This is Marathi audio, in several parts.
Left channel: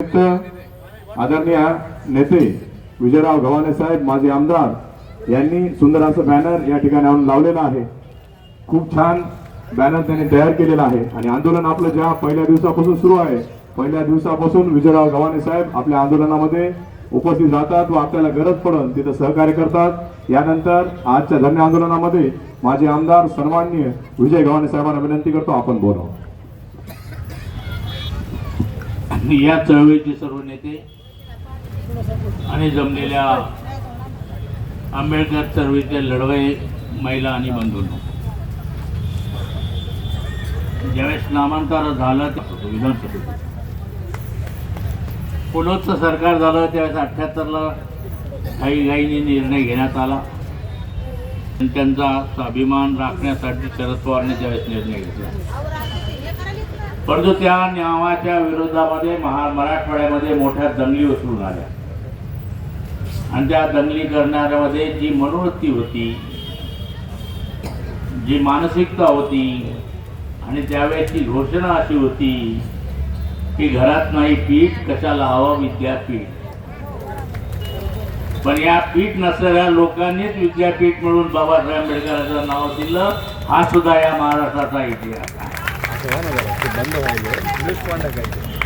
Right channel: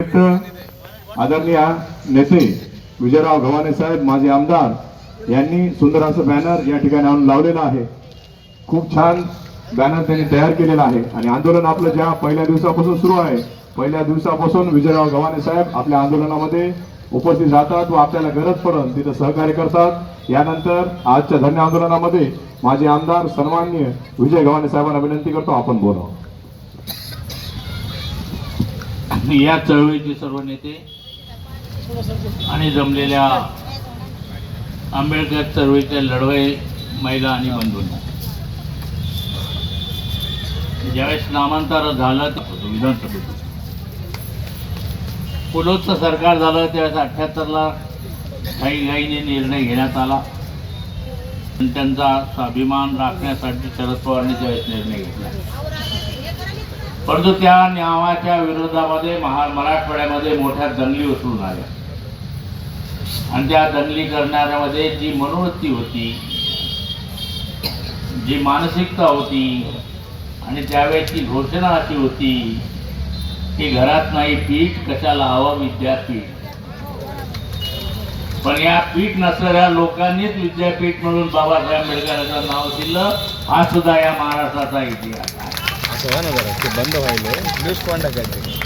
आदरणीय नेते विजयराव गव्हाणे साहेब माजी आमदार यांनी सुंदर असं बॅनर या ठिकाणी आणून लावलेलं आहे. खूप छान बॅनर त्यांनी तयार केलेला आहे. आणि आंदोलन आपलं ज्या पहिल्या दिवसापासून सुरू आहे पहिल्या दिवसापासून विजयराव गव्हाणे साहेब आपल्या आंदोलनामध्ये उपस्थित राहतात व आपल्याला गरज पडेल तिथं सहकार्य करतात. यानंतर आजच्या धन्य आंदोलनामध्ये माझे आमदार सन्माननीय विजय गव्हाणे साहेबांना विनंती करतो आपण बोलावं. या चळवळीचे सर्व नेते आणि जमलेल्या आंबेडकर चळवळीच्या लढवय महिला आणि बंधूंना. ज्यावेळेस नामांतर झालं ते विधानसभेत पुलोचं सरकार झालं त्यावेळेस अठ्ठ्याहत्तरला काही गाईने निर्णय घेण्यात आला. आणि त्यांचा स्वाभिमान राखण्यासाठी शरद पवारने त्यावेळेस निर्णय घेतला. परंतु त्या न्यावाच्या विरोधामध्ये महा मराठवाड्यामध्ये मोठ्या दंगली उचलून आल्या. आणि त्या दंगली करणाऱ्यामध्ये जी मनोवृत्ती होती जी मानसिकता होती आणि त्यावेळेची घोषणा अशी होती की घरात नाही पीठ कशाला हवं विद्यापीठ. पण या पीठ नसलेल्या लोकांनीच विद्यापीठ म्हणून बाबासाहेब आंबेडकरांचं नाव दिलं हा सुद्धा या महाराष्ट्राचा इतिहास आहे ना जरा ते बंद व्हायले न्यूज पॉईंट करते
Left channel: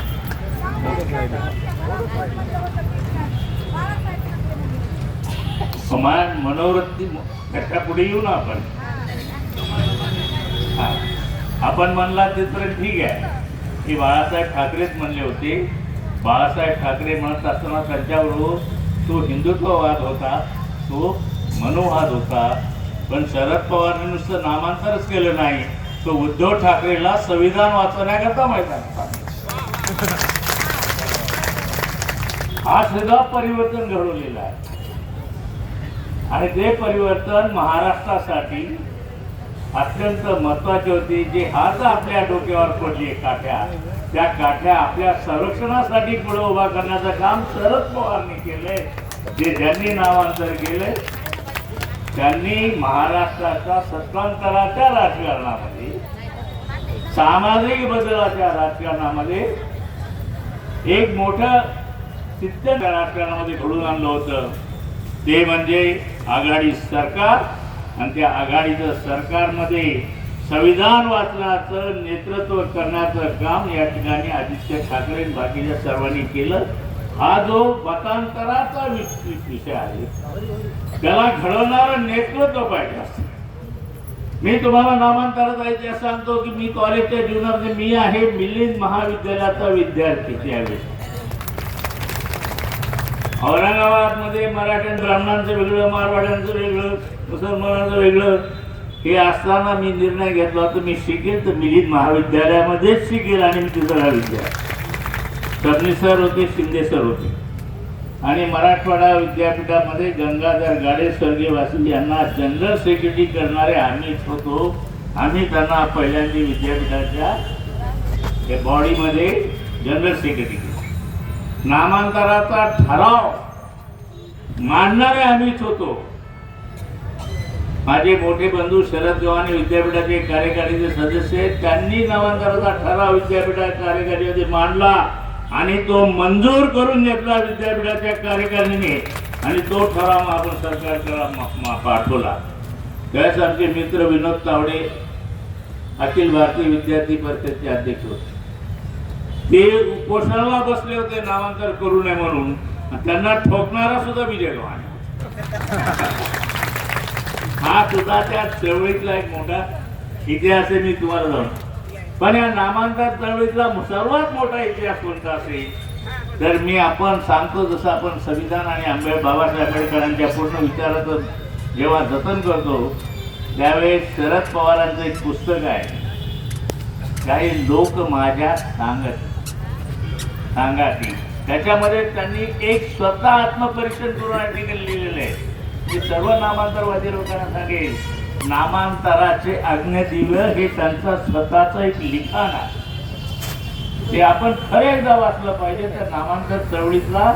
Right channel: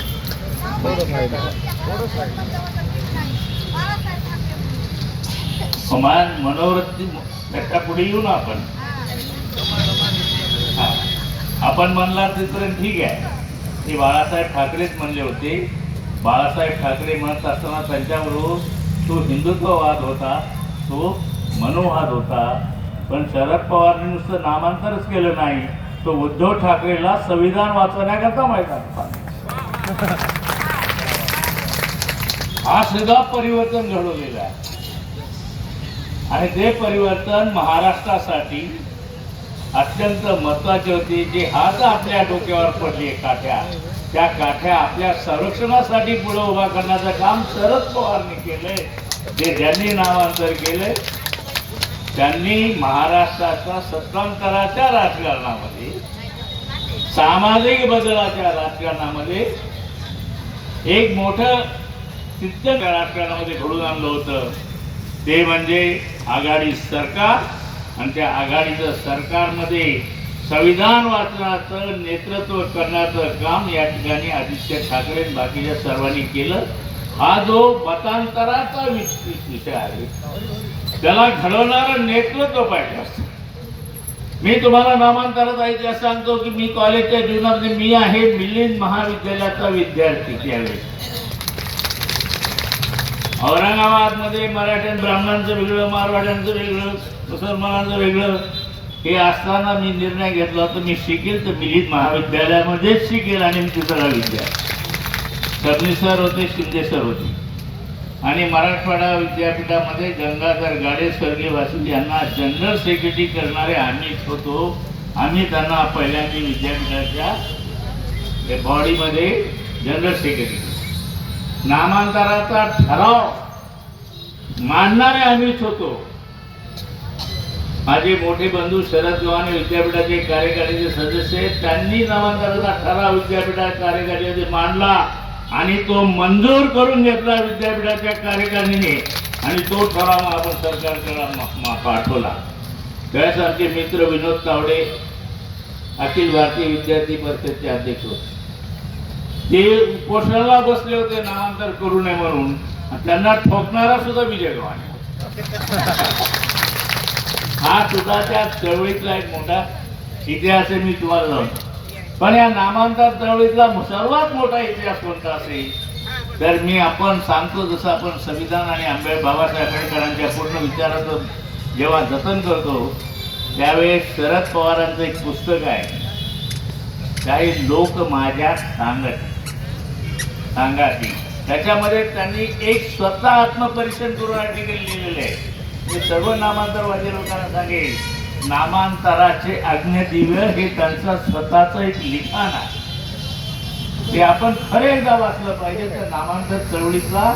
समान मनोवृत्ती त्याच्या पुढे येऊ ना आपण हा. आपण म्हणला तिथपर्यंत ठीक आहे ते बाळासाहेब ठाकरेच म्हणले होते बाळासाहेब ठाकरे म्हणत असताना त्यांच्याबरोबर तो हिंदुत्ववाद होता तो मनोवाद होता पण शरद पवारने नुसतं नामांतरच केलं नाही तो उद्धव ठाकरेला संविधान वाचवण्याकरता मैदान हा सुद्धा परिवर्तन घडवलेला आहे. आणि ते परिवर्तन महाराष्ट्रासाठी अत्यंत महत्त्वाचे होते. जे आज आपल्या डोक्यावर पडले काठ्या. त्या काठ्या आपल्या संरक्षणासाठी पुढे उभा करण्याचं काम शरद पवारने केलंय. जे ज्यांनी नामांतर केलंय त्यांनी महाराष्ट्राच्या सत्तांतराच्या राजकारणामध्ये सामाजिक बदलाच्या राजकारणामध्ये एक मोठं सिद्ध राजकारणामध्ये घडून आणलं होतं. ते म्हणजे आघाडी सरकार आणि त्या आघाडीचं सरकारमध्ये संविधान वाचनाचं नेतृत्व करण्याचं काम या ठिकाणी आदित्य ठाकरे बाकीच्या सर्वांनी केलं. हा जो मतांतराचा विषय आहे त्याला घडवणारं नेतृत्व पाहिजे असतं. मी तुम्हाला नामांतराचा इतिहास सांगतो की मी कॉलेजच्या जीवनामध्ये मी आहे मिलिंद महाविद्यालयाचा विद्यार्थी त्यावेळेस औरंगाबादमध्ये मराठ्यां ब्राह्मणांचं वेगळं मारवाड्यांचं वेगळं मुसलमानांचं वेगळं. हे असताना मी निर्णय घेतला होता मी शिकेल तर मिलिंद महाविद्यालयामध्येच शिकेल आणि मी तिसरा विद्यार्थी. सबनी सर होते शिंदे सर होते. आणि मराठवाडा विद्यापीठामध्ये गंगाधर गाडे स्वर्गीय वासुदेव यांना जनरल सेक्रेटरी करणारे आम्हीच होतो. आम्ही त्यांना पहिल्यांदा विद्यापीठाच्या बॉडीमध्ये जनरल सेक्रेटरी केलं. नामांतराचा ठराव मांडणारे आम्हीच होतो. माझे मोठे बंधू शरद गव्हाणे विद्यापीठाचे कार्यकारिणीचे सदस्य आहेत. त्यांनी नामांतराचा ठराव विद्यापीठाच्या कार्यकारिणीमध्ये मांडला. आणि तो मंजूर करून घेतला विद्यापीठाच्या कार्यकारिणीने आणि तो ठराव आपण सरकारकडे पाठवला. त्यावेळेस आमचे मित्र विनोद तावडे अखिल भारतीय विद्यार्थी परिषदचे अध्यक्ष होते. ते उपोषणाला बसले होते नामांतर करू नये म्हणून. त्यांना ठोकणारा सुद्धा विजय गव्हाणे हा सुद्धा त्या चळवळीतला एक मोठा इतिहास आहे मी तुम्हाला जाऊन पण या नामांतर चळवळीतला सर्वात मोठा इतिहास कोणता असेल? तर मी आपण सांगतो जसं आपण संविधान आणि आंबे बाबासाहेब आंबेडकरांच्या पूर्ण विचारातून जेव्हा जतन करतो त्यावेळेस शरद पवारांचं एक पुस्तक आहे. काही लोक माझ्या सांगत सांगा त्याच्यामध्ये त्यांनी एक स्वतः आत्मपरीक्षण करून आर्टिकल लिहिलेलं आहे. ते सर्व नामांतरवादी लोकांना सांगेल नामांतराचे अग्नदिव्य हे त्यांचा स्वतःचं एक लिखाण आहे. ते आपण खरे एकदा वाचलं पाहिजे तर नामांतर चळवळीतला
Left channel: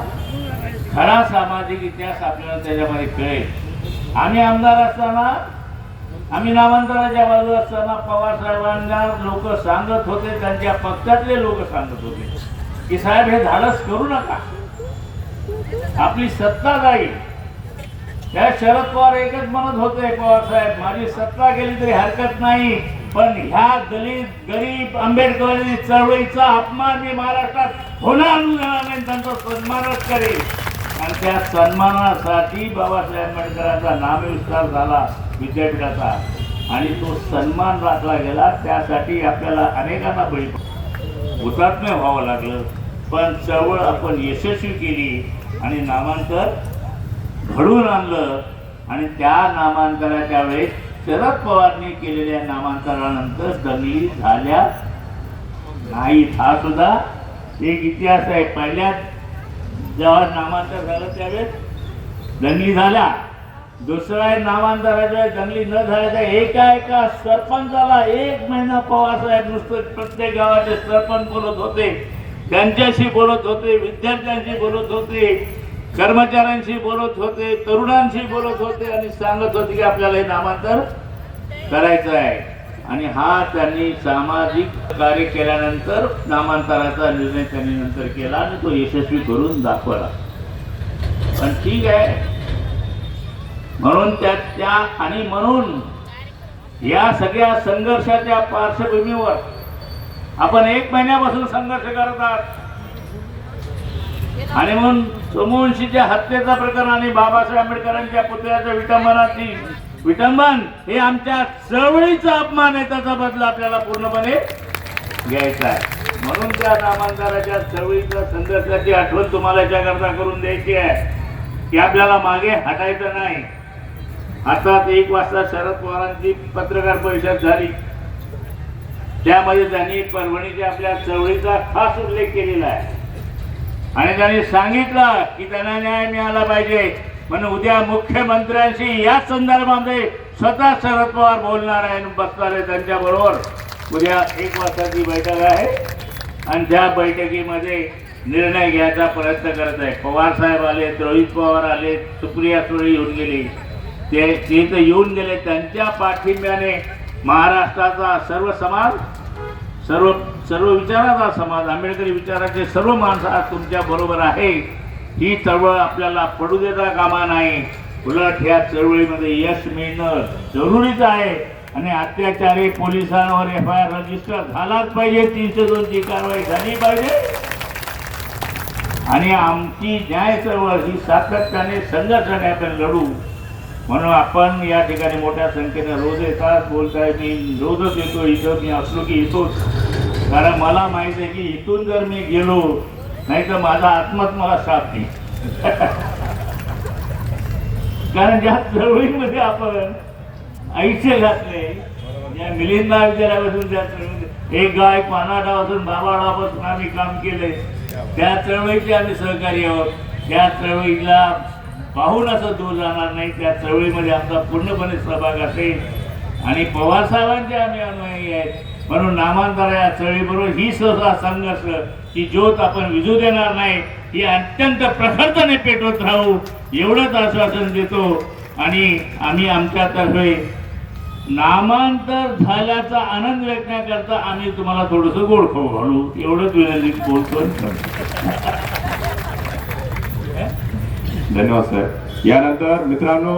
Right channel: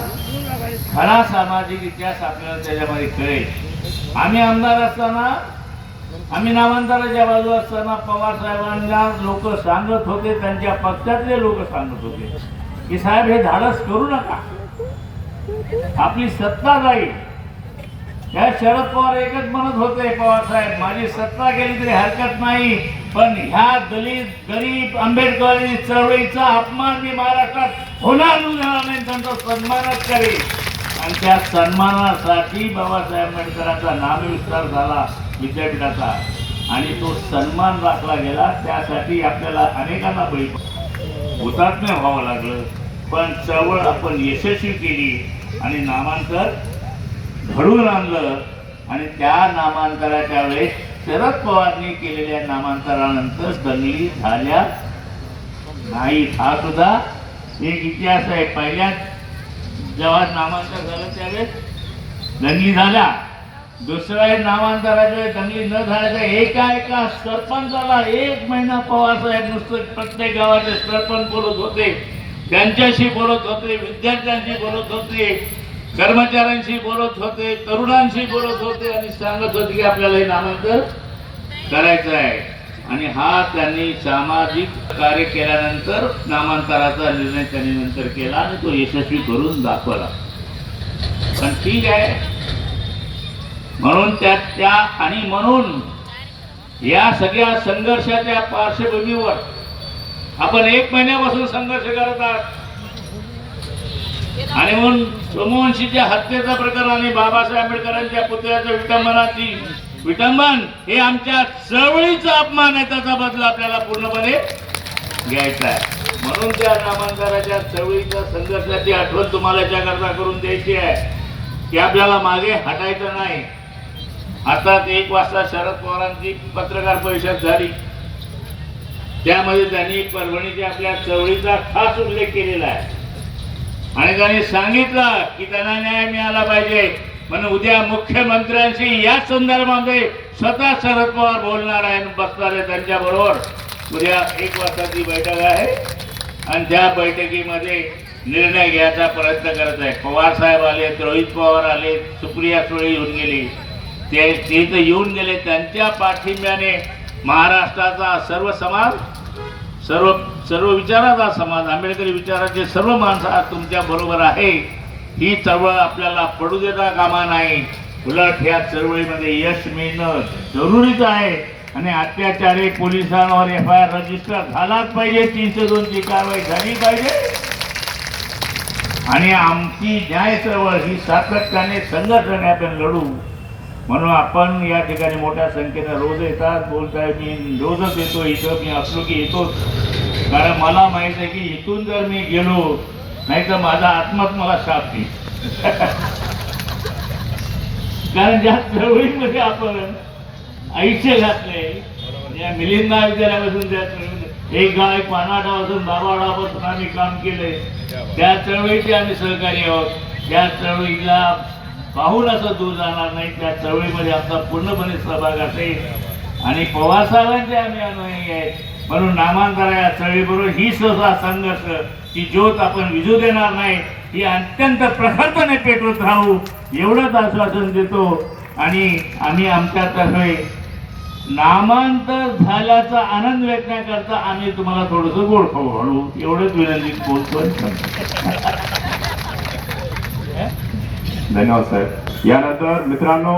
खरा सामाजिक इतिहास आपल्याला त्याच्यामध्ये कळेल. आम्ही आमदार असताना आम्ही नामांतराच्या बाजू असताना पवार साहेबांना लोक सांगत होते त्यांच्या पक्षातले लोक सांगत होते की साहेब हे धाडस करू नका. आपली सत्ता जाईल. त्या शरद पवार एकच म्हणत होते पवार साहेब माझी सत्ता गेली तरी हरकत नाही पण ह्या दलित गरीब आंबेडकरी चळवळीचा अपमान मी महाराष्ट्रात होणार नाही त्यांचा सन्मानच करेल आणि त्या सन्मानासाठी बाबासाहेब आंबेडकरांचा नामविस्तार झाला विद्यापीठाचा. आणि तो सन्मान राखला गेला त्यासाठी आपल्याला अनेकांना बळी हुतात्म्य व्हावं लागलं पण चळवळ आपण यशस्वी केली आणि नामांतर घडवून आणलं आणि त्या नामांतराच्या वेळेस शरद पवारने केलेल्या नामांतरानंतर दंगली झाल्या नाहीत. हा सुद्धा एक इतिहास आहे. पहिल्या जेव्हा नामांतर झालं त्यावेळेस दंगली झाल्या. दुसऱ्या नामांतराच्या वेळेस दंगली न झाल्याच्या एका एका सरपंचाला एक महिना पवारसाहेब नुसतं प्रत्येक गावाचे सरपंच बोलत होते. त्यांच्याशी बोलत होते विद्यार्थ्यांशी बोलत होते. कर्मचाऱ्यांशी बोलत होते तरुणांशी बोलत होते आणि सांगत होते की आपल्याला हे नामांतर करायचं आहे. आणि हा त्यांनी सामाजिक कार्य केल्यानंतर नामांतराचा निर्णय त्यांनी नंतर केला आणि तो यशस्वी करून दाखवला. पण ठीक आहे. म्हणून त्या त्या आणि म्हणून या सगळ्या संघर्षाच्या पार्श्वभूमीवर आपण एक महिन्यापासून संघर्ष करत आहात. आणि म्हणून सोमवंशीच्या हत्येचा प्रकरण आणि बाबासाहेब आंबेडकरांच्या पुतळ्याच्या विटंबनाची विटंबन हे आमच्या चळवळीचा अपमान आहे त्याचा बदला आपल्याला पूर्णपणे घ्यायचा आहे. म्हणून त्या नामांतराच्या चळवळीचा संघर्षाची आठवण तुम्हाला याच्याकरता करून द्यायची आहे की आपल्याला मागे हटायचं नाही. आता एक वाजता शरद पवारांची पत्रकार परिषद झाली. त्यामध्ये त्यांनी परभणीच्या आपल्या चळवळीचा खास उल्लेख केलेला आहे. आणि त्यांनी सांगितलं की त्यांना न्याय मिळाला पाहिजे. म्हणून उद्या मुख्यमंत्र्यांशी या संदर्भामध्ये स्वतः शरद पवार बोलणार आहे बसणार आहे त्यांच्याबरोबर उद्या एक वाजताची बैठक आहे आणि त्या बैठकीमध्ये निर्णय घ्यायचा प्रयत्न करत आहे. पवार साहेब आले रोहित पवार आले सुप्रिया सुळे येऊन गेली. ते ते तर येऊन गेले. त्यांच्या पाठिंब्याने महाराष्ट्राचा सर्व समाज सर्व सर्व विचाराचा समाज आंबेडकरी विचाराचे सर्व माणसं आज तुमच्या बरोबर आहे. ही चळवळ आपल्याला पडू देता कामा नाही. उलट ह्या चळवळीमध्ये यश मिळणं जरुरीच आहे. आणि अत्याचारी पोलिसांवर एफ आय आर रजिस्टर झालाच पाहिजे. तीनशे दोनची कारवाई झाली पाहिजे. आणि आमची न्याय चळवळ ही सातत्याने संघर्षाने आपण लढू. म्हणून आपण या ठिकाणी मोठ्या संख्येने रोज येतात. बोलताय मी रोजच येतो इथं मी असलो की येतोच. कारण मला माहीत आहे की इथून जर मी गेलो नाही तर माझा आत्माच मला शाप नाही कारण ज्या चळवळीमध्ये आपण आयुष्य घातले या मिलिंदा विद्यालयापासून त्या चळवळीत एक गाव एक पानाटापासून बाबाडापासून आम्ही काम केले त्या चळवळीचे आम्ही सहकारी आहोत. त्या चळवळीला पाहून असं दूर जाणार नाही त्या चळवळीमध्ये आमचा पूर्णपणे सहभाग असेल. आणि पवारसाहेबांचे आम्ही अनुयायी आहेत. म्हणून नामांतर या चळवळीबरोबर ही सहसा संघर्ष की ज्योत आपण विजू देणार नाही ही अत्यंत प्रखरपणे पेटवत राहू एवढंच आश्वासन देतो. आणि आम्ही आमच्यातर्फे नामांतर झाल्याचा आनंद व्यक्तण्याकरता करता आम्ही तुम्हाला थोडंसं गोड खाऊ घालू. एवढंच विनंती बोलतो धन्यवाद साहेब यानंतर मित्रांनो